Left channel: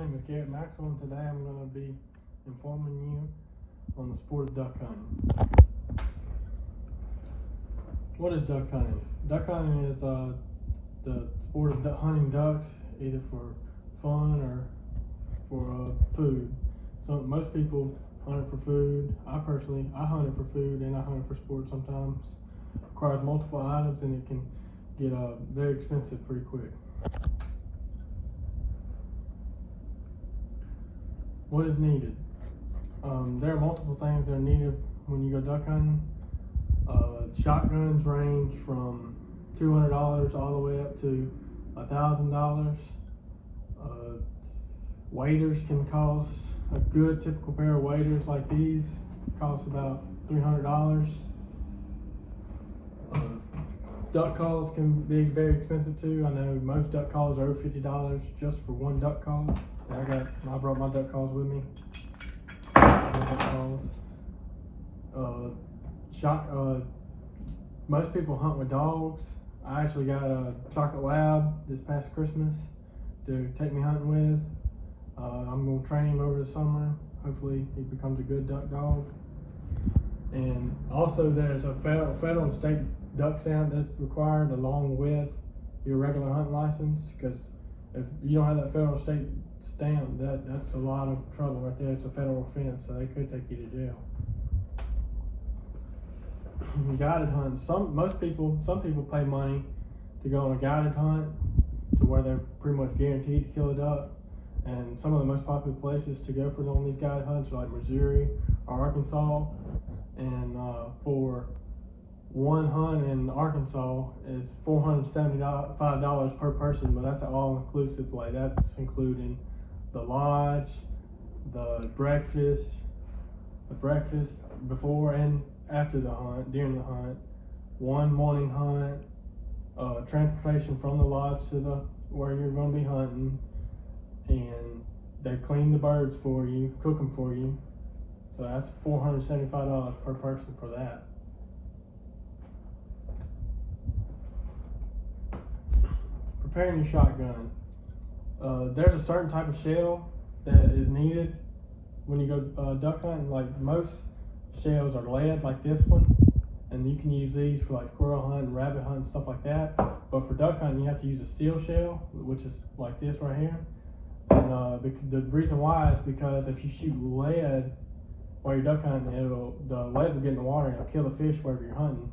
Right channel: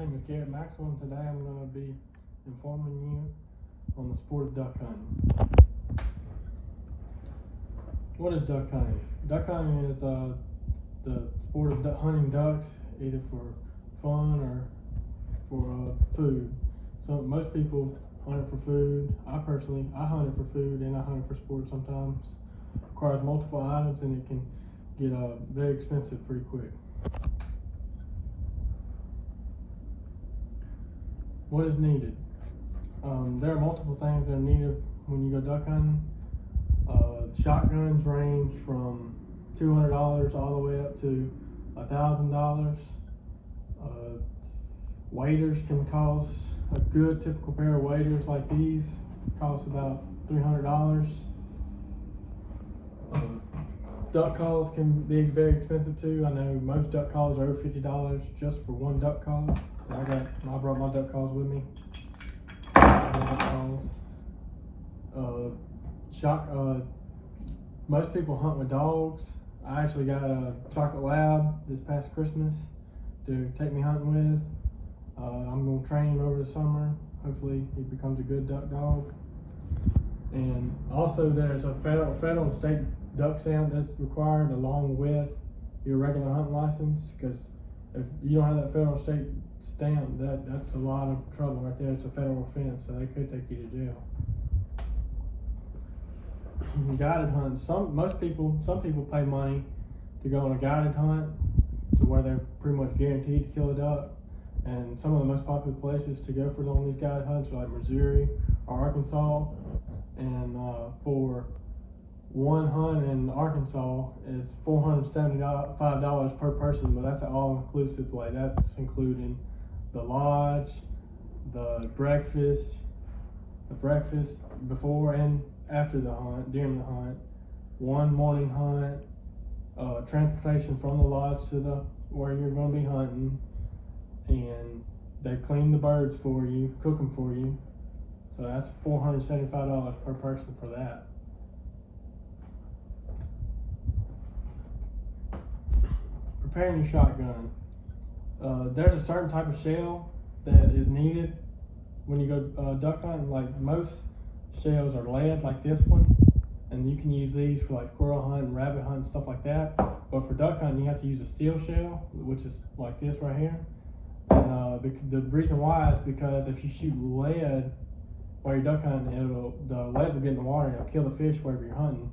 name is Garrett Maxwell, and today I'm going to be informing you on the sport of duck hunting. What is duck hunting? Duck hunting is the sport of hunting ducks, either for fun or for food. So most people hunt it for food. I hunt it for food, and I hunt it for sport sometimes. It requires multiple items, and it can get very expensive pretty quick. What is needed? There are multiple things that are needed when you go duck hunting. Shotguns range from $200 all the way up to $1,000. Waders can cost, a good typical pair of waders like these cost about $300. Duck calls can be very expensive too. I know most duck calls are over $50 just for one duck call. So I brought my duck calls with me. Most people hunt with dogs. I actually got a chocolate lab this past Christmas to take me hunting with. I'm going to train him over the summer. Hopefully he becomes a good duck dog. And also there's a federal and state duck stamp that's required along with your regular hunting license, because if you don't have that federal state stamp, that's a lot of trouble right there. It's a federal offense, so they could take you to jail. Guided hunt. Some people pay money to go on a guided hunt to where they're pretty much guaranteed to kill a duck. And some of the most popular places to go for on these guided hunts are like Missouri or Arkansas. And for one hunt in Arkansas is $475 per person, but that's an all-inclusive. Like that's including the lodge, the breakfast before and after the hunt, during the hunt, one morning hunt, transportation from the lodge to where you're going to be hunting, and they clean the birds for you, cook them for you. So that's $475 per person for that. Preparing your shotgun. There's a certain type of shell that is needed when you go duck hunting. Like most shells are lead, like this one, and you can use these for like squirrel hunting, rabbit hunting, stuff like that. But for duck hunting, you have to use a steel shell, which is like this right here. And the reason why is because if you shoot lead while you're duck hunting, the lead will get in the water and it'll kill the fish wherever you're hunting,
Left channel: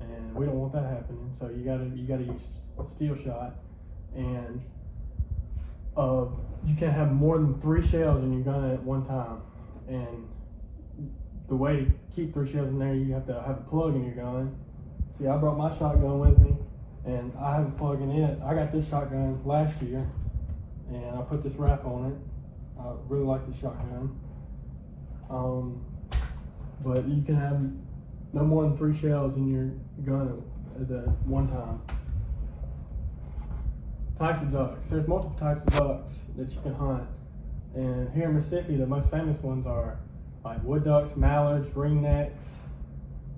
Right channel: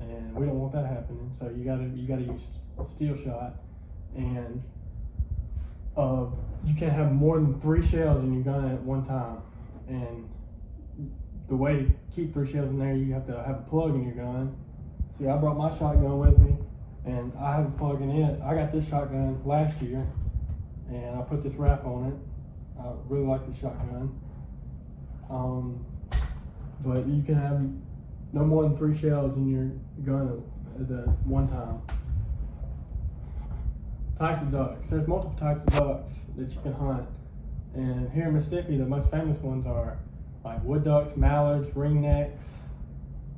and we don't want that happening. So you gotta use a steel shot, and you can't have more than 3 shells in your gun at one time. And the way to keep 3 shells in there, you have to have a plug in your gun. See, I brought my shotgun with me, and I have a plug in it. I got this shotgun last year, and I put this wrap on it. I really like this shotgun. But you can have no more than 3 shells in your gun at one time. Types of ducks. There's multiple types of ducks that you can hunt. And here in Mississippi, the most famous ones are like wood ducks, mallards, ringnecks,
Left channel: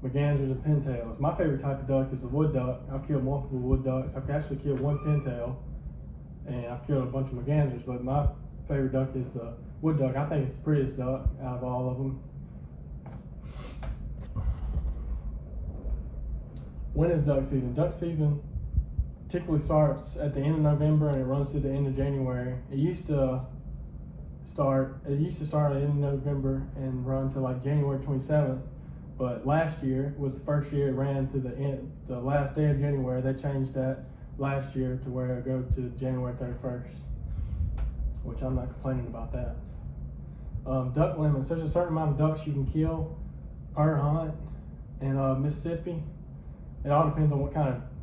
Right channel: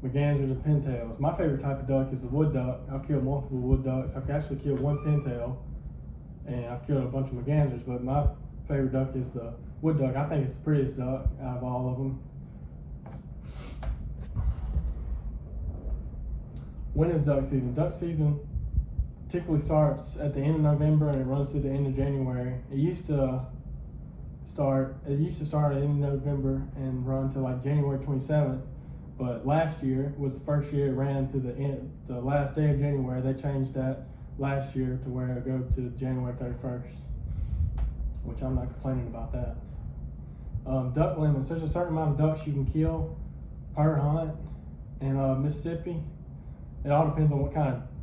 mergansers, and pintails. My favorite type of duck is the wood duck. I've killed multiple wood ducks. I've actually killed one pintail, and I've killed a bunch of mergansers, but my favorite duck is the wood duck. I think it's the prettiest duck out of all of them. When is duck season? Duck season typically starts at the end of November and it runs to the end of January. It used to start at the end of November and run to like January 27th. But last year was the first year it ran to the last day of January. They changed that last year to where it'll go to January 31st, which I'm not complaining about that. Duck limits. There's a certain amount of ducks you can kill per hunt in Mississippi. It all depends on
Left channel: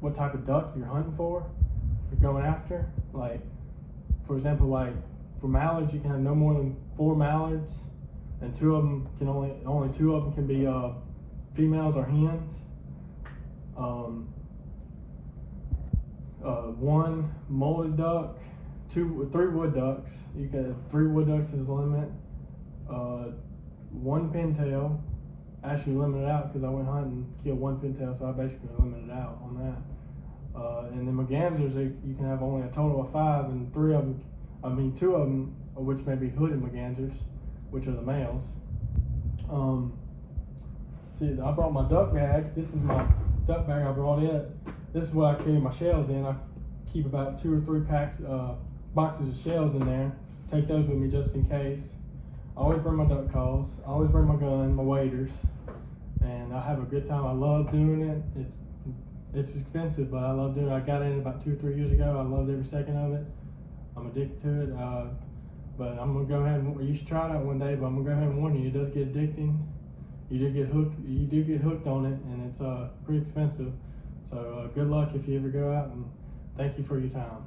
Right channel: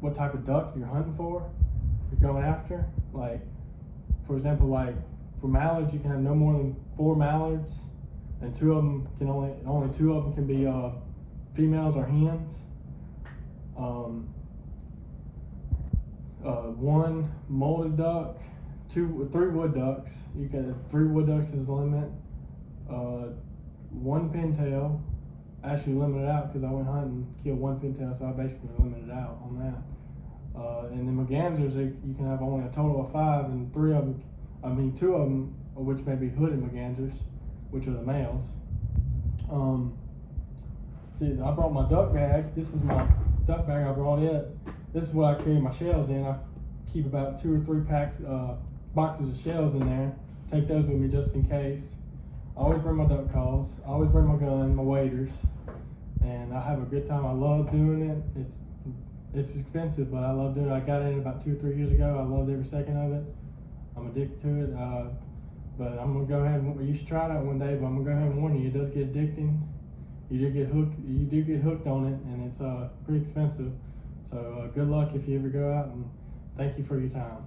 what type of duck you're hunting for, you're going after. Like, for example, like for mallards, you can have no more than 4 mallards, and only 2 of them can be females or hens. 1 molded duck, 3 wood ducks. You can have 3 wood ducks is the limit. 1 pintail. I actually limited out because I went hunting, killed 1 pintail, so I basically limited out on that. And then mergansers, you can have only a total of 5, and 2 of them which may be hooded mergansers, which are the males. See, I brought my duck bag. This is my duck bag. I brought it. This is what I carry my shells in. I keep about 2 or 3 boxes of shells in there. Take those with me just in case. I always bring my duck calls. I always bring my gun, my waders, and I have a good time. I love doing it. It's expensive, but I love doing it. I got in about 2 or 3 years ago. I loved every second of it. I'm addicted to it. But I'm gonna go ahead and you should try it out one day. But I'm gonna go ahead and warn you, it does get addicting. You do get hooked. You do get hooked on it, and it's pretty expensive. So good luck if you ever go out, and thank you for your time.